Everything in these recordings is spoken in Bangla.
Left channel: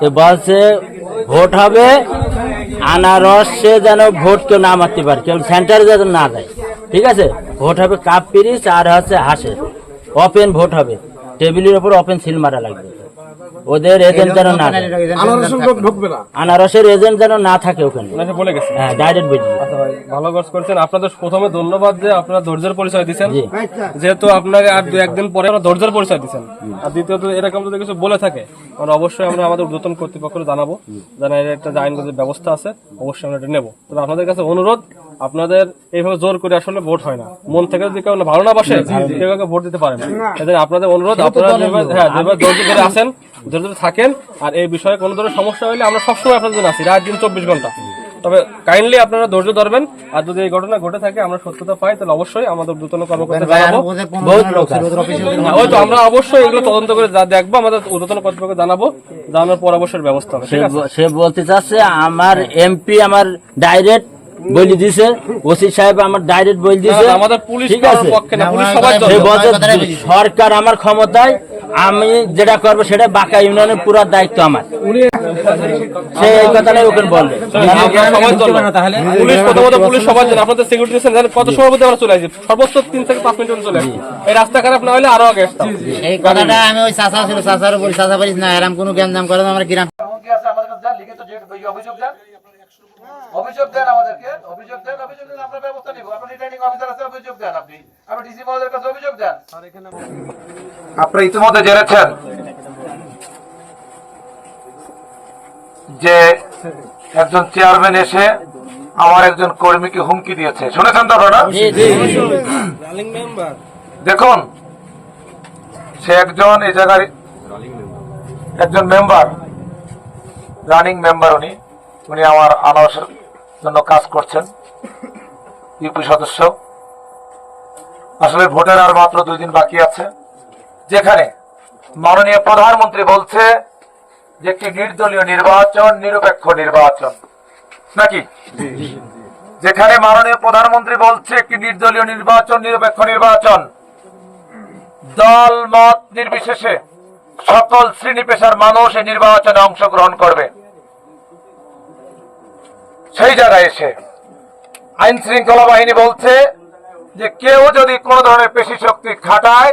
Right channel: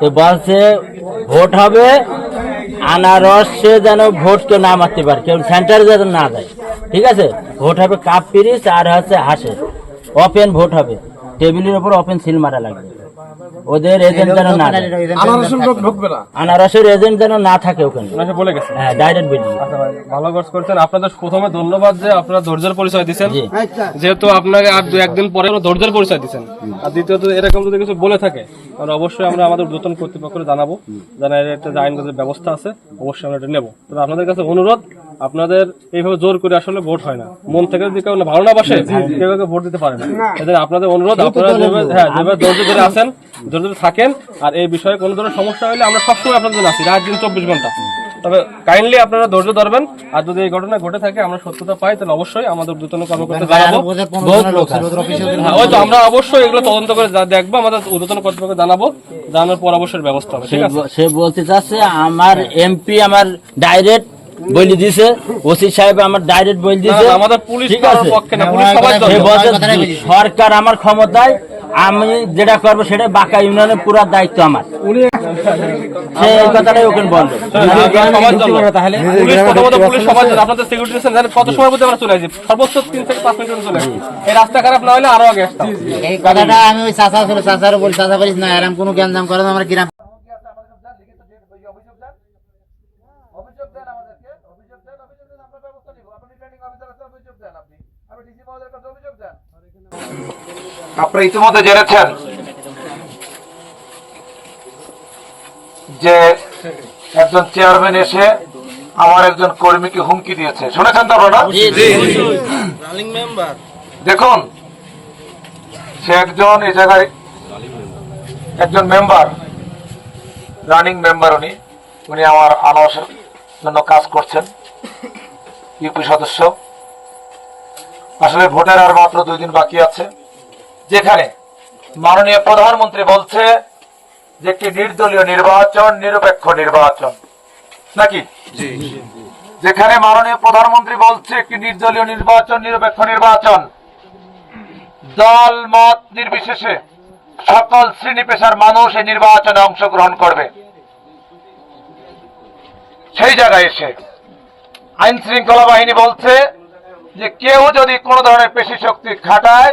তো বলছে, ভোট হবে, আনারস সে যেন ভোট কেউ না মারতে পারে, কেউ সেন্টারে যেন না যায়। ঠিক আছে? ভোট হবে কাপ পিরিচ আর হচ্ছে হাঁসের। ওপেন ভোট হবে। টেবিলের উপর ওপেন সিল মারা লাগবে। ওদের এজেন্ট যেন না আনারসের ঢুকবে না। আনারসের এজেন্ট যেন না থাকে ওখানে। বলে গেছে। হ্যাঁ ডাইরেক্ট বেরিয়ে আচ্ছা ভাই ভালো কাজ করছেন। আপনাদের প্রথমে ধন্যবাদ যে আপনারা ধৈর্যের পরিচয় দিচ্ছেন যেহেতু আপনাকে আর দু একদিন পরে ধৈর্যের পরিচয় দিচ্ছেন আর দ্বিতীয়ত এরকম যদি কিছু বলে থাকে তাহলে অবশ্যই আমরা আমাদের ঊর্ধ্বতন কর্তৃপক্ষকে জানাব। জানা একটা যে আইনগত ব্যবস্থা আছে অবশ্যই আমরা এটা নেব। তো আপনাদের কাছে অনুরোধ আপনাদের এইভাবে জোর করে আসলে ভোট হয় না। মন থেকে যদি কেউ ভালো না বাসে কেউ কাউকে ভোট দিতে পারে না। এদের আপনাদের অনুরোধ আপনারা হ্যাঁ যেভাবে ধৈর্য ধরে আছেন ধৈর্য ধরে থাকেন আর এই বিষয়ে কোনো ধরনের সমস্যা হলে আমরা সবসময় আপনাদের জন্য আছি রাত দিন চব্বিশ ঘণ্টা। তবে কাইন্ডলি আপনারা ধৈর্য ধরবেন আর যদি এই ঘটনা ঘটে থাকে আমরা সত্যতা পাই তাহলে অবশ্যই আমাদের দ্রুতন কর্মকর্তা জানাব। লোক আছে। হ্যাঁ, ওই তো আমরা অবশ্যই এগুলো তদন্ত করে যা দেখব আমাদের উদ্বোধন কর্তৃপক্ষকে জানাব জানানোর পর অবশ্যই ব্যবস্থা হবে সে ঠিক আছে সে বলতে চাচ্ছে আমার এমপি আমার ডাইরেক্ট বলি দিছে ওসি সাহেব আমার ডাইরেক্ট বলি দিছে আমাদের পুলিশ ঠিক আছে পক্ষে না পুলিশ দরকার। বলছে সরকার আমার ক্ষমতায় আমি যেটা করব সেটা বাঁকা ইউনিয়নের পুরো দায়িত্ব আমার সে এই কথাটাই ওকে বলবে আমরা সবার জন্য। পুলিশ প্রথমত পুলিশ সবার জন্য। আপনাদের সিকিউরিটি কত সময় মধ্যে আমরা চলে আসি সর্বোচ্চ তিন থেকে পাঁচ মিনিট চলে আসি এই রাস্তা খারাপ না হলে আরও আগে এই কথাটা আমি ওই চাচা ছিল চাচার উপর চাচা বলিস না এরকম কোনো জ্ঞান করে না আমার গ্রাম এমনকি আছে আমাদের কাছে যান, লিখিত যে ওই অভিযোগ দেন আমাদেরকে অভিযোগ দেন অভিযোগ দেন আমরা ব্যবস্থা নিব। আপনি রিটার্নিং অফিসার আছে অভিযোগ দেন আপনি। আপনি ডিসি মহোদয়ের কাছে অভিযোগ দেন। আপনারা ইতিমধ্যে জেনেছেন যে একজন চেয়ারম্যান এসে আমার একজন কর্মীকে হুমকি দিয়েছে। শুনেছেন তো আপনারা? দেখুন সে একজন এই জায়গায় একজন মেম্বার রানিং মেম্বার উনি। উনি আমার আনারসের জন্য কাজ করছেন ইউপি সদস্য। আসলে ভোটের আর মাত্র দুই দিন বাকি আছে। যেখানে মাননীয় প্রধানমন্ত্রী বলছে যে একটি নির্দলীয় নির্বাচন নিরপেক্ষ নির্বাচন। নাকি? যেখানে মাননীয় প্রধানমন্ত্রী বলছে একটি নির্দলীয় নির্বাচন নিরপেক্ষ নির্বাচন। দল মত নির্বিশেষে সকল শ্রেণি পেশার মানুষ এই নির্বাচনে অংশগ্রহণ করবে। সেই জায়গায় এসে আইন শৃঙ্খলা বাহিনী বলছে যে কেউ যদি কোনো ধরনের পেশি শক্তি খাটায়,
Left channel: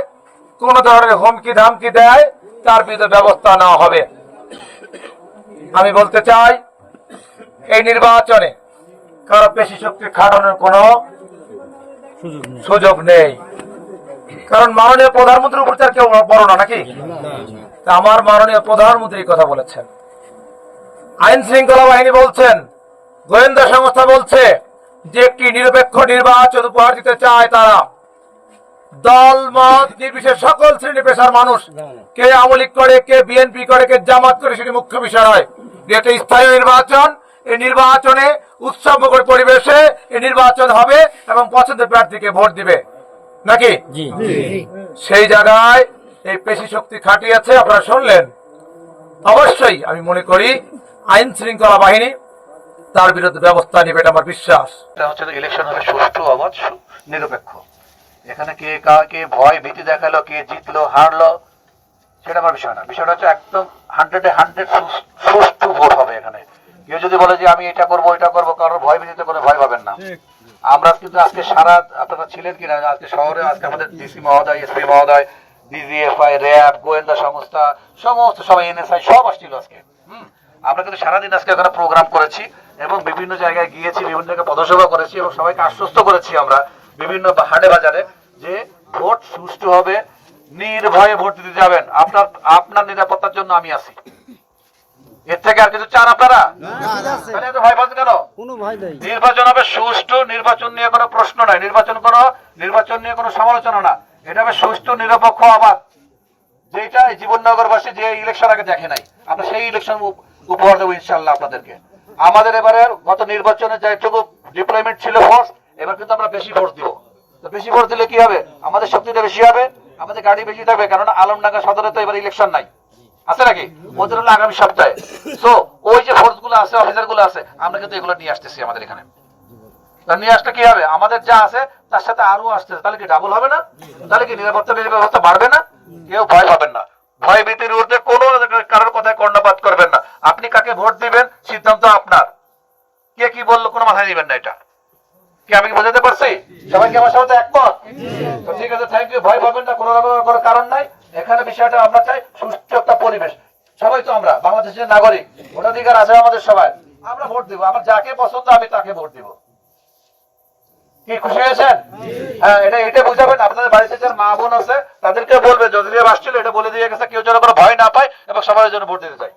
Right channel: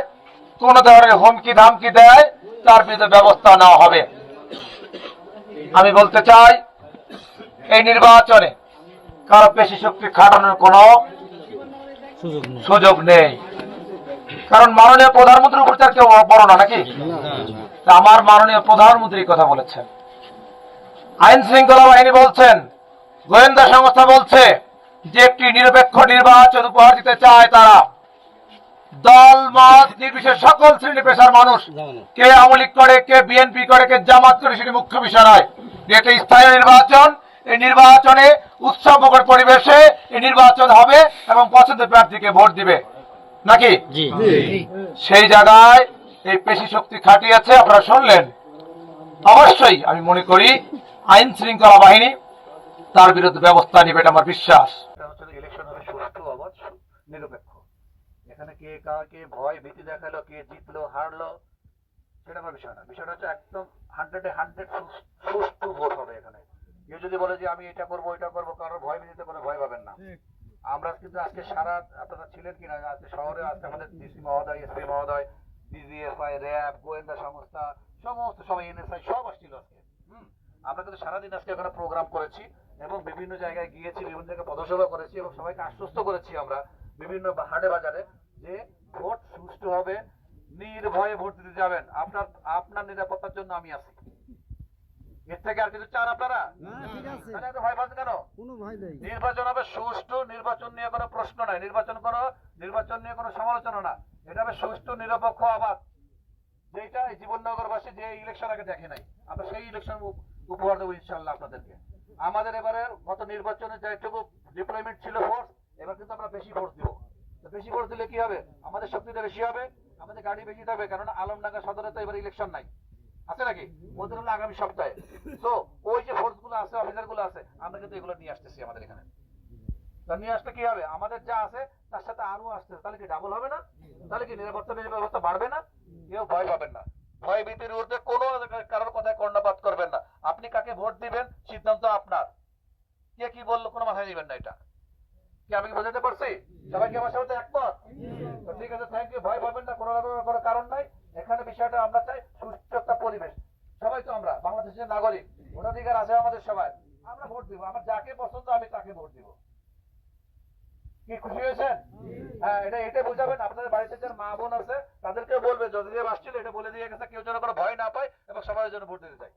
কোন ধরনের হুমকি ধামকি দেয়, তার বিরুদ্ধে ব্যবস্থা নেওয়া হবে। আমি বলতে চাই, এই নির্বাচনে কারও পেশি শক্তি খাটানোর কোনো সুযোগ নেই। কারণ মাননীয় প্রধানমন্ত্রীর উপর তার কেউ বড় না, নাকি? আমার মাননীয় প্রধানমন্ত্রী কথা বলেছেন। আইন শৃঙ্খলা বাহিনী বলছেন গোয়েন্দা সংস্থা বলছে যে একটি নিরপেক্ষ নির্বাচন উপহার দিতে চায় তারা। দল মত নির্বিশেষ সকল শ্রেণি পেশার মানুষ কে আওয়ামী লীগ করে কে বিএনপি করে কে জামাত করে সেটি মুখ্য বিষয় নয়। এটা স্থায়ী নির্বাচন এই নির্বাচনে উৎসবমুখর পরিবেশে এই নির্বাচন হবে এবং পছন্দের প্রার্থীকে ভোট দিবে। নাকি? সেই জায়গায় এই পেশি শক্তি খাটিয়েছে আপনারা শুনলেন। অবশ্যই আমি মনে করি আইন শৃঙ্খলা বাহিনী তার বিরুদ্ধে ব্যবস্থা নেবে এটা আমার বিশ্বাস। এটা হচ্ছে ইলেকশন হবে সুষ্ঠু অবাধ নিরপেক্ষ। এখানে কে কাকে ভয় ভীতি দেখাল কে জিতলো হারলো সেটা আমার বিষয় না। বিষয়টা হচ্ছে একদম হান্ড্রেডে হান্ড্রেড সুষ্ঠু ভোট হবে এখানে। কেউ যদি বলে যে আমি এটা করব এটা করব কারোর ভয় ভীতিতে কোনো ভয় পাবেন না। আমরা কিন্তু আজকে সারা আপনারা ছিলেন কিনা আজকে শহরে আজকে আমাদের ডিসি মহোদয় এসপি মহোদয় ডিজিএফআই র্যাব গোয়েন্দা সংস্থা সমস্ত সবাই এনএসআই সব আসছিল আজকে। হুম। আমরা কিন্তু সারাদিন আজকে এখানে প্রোগ্রাম করেছি। এবং বিভিন্ন জায়গায় গিয়েছি বিভিন্ন জায়গায় পদসভা করেছি এবং সবাইকে আশ্বস্ত করেছি আমরা বিভিন্ন হাটে বাজারে যে ভোট সুষ্ঠু হবে নির্ভয়ে ভোট দিতে যাবেন। আপনার আপনার নিরাপত্তার জন্য আমি আছি। এর থেকে আর কিছু চান আপনারা? ভয় পাচ্ছেন কেন? নির্বাচন হবে সুষ্ঠু নির্বাচন নিয়ে কোনো প্রশ্ন নাই। নির্বাচন কোনো নির্বাচন নিয়ে কোনো সমালোচনা না। এটা হবে সুষ্ঠু নিরপেক্ষ আবাদ। যেটা জীবননগরবাসী যে ইলেকশন আগে দেখে নাই। আমরা সেই ইলেকশন উপহার দেবো ইনশাল্লাহ আপনাদেরকে। আমাদের এবারে গত নির্বাচনে যেটুকু ডিপ্লয়মেন্ট ছিল ফোর্স এবার কিন্তু আমরা বেশি ফোর্স দিব। তো বেশি ফোর্স দিলে কি হবে? আমাদের শক্তিটা বেশি হবে, আমাদের গাড়ি বেশি থাকবে, কেননা আলমডাঙ্গা সদরে তো এবার ইলেকশন নাই। আছে নাকি? ওদের হলো আগামী সপ্তাহে। তো ওই যে ফোর্সগুলো আছে অফিসারগুলো আছে, আমরা কিন্তু এগুলো নিয়ে আসতেছি আমাদের এখানে। নিয়ে আসলে কি হবে? আমাদের যা আছে, তার সাথে আরও আসতেছে তাহলে কি ডাবল হবে না? তাহলে কি নিরাপত্তা ব্যবস্থা বাড়বে না? কেউ ভয় পাবেন না। ভয় ভীতির ঊর্ধ্বে কোনো কারোর কথায় কর্ণপাত করবেন না। আপনি কাকে ভোট দিবেন সিদ্ধান্ত আপনার কে কি বলল দিবেন না এটা। কি আমি কি বোঝাতে পারছি? সবাই কি আমার সাথে একমত? ঠিক আছে থ্যাংক ইউ ভয় পাবেন না, কোনো রকম কারণ নাই। এখানে বিষয়টা আমরা চাই সুস্থ একটা পরিবেশ। সবাই তো আমরা, বাংলাদেশের নাগরিক, ভোটাধিকার আছে আমাদের সবাই আমরা ভোট দিব, আমার যাকে পছন্দ আমি তাকে ভোট দিব। কি, খুশি হয়েছেন? হ্যাঁ এটা এটা বুঝাবেন। আপনাদের বাড়িতে যারা মা বোন আছে তাদেরকে বলবে যদি আসছিল, এটা বলে দিয়ে গেছে, কেউ যেন কোনো ভয় না পায় এবং সবাই যেন ভোট দিতে চায়।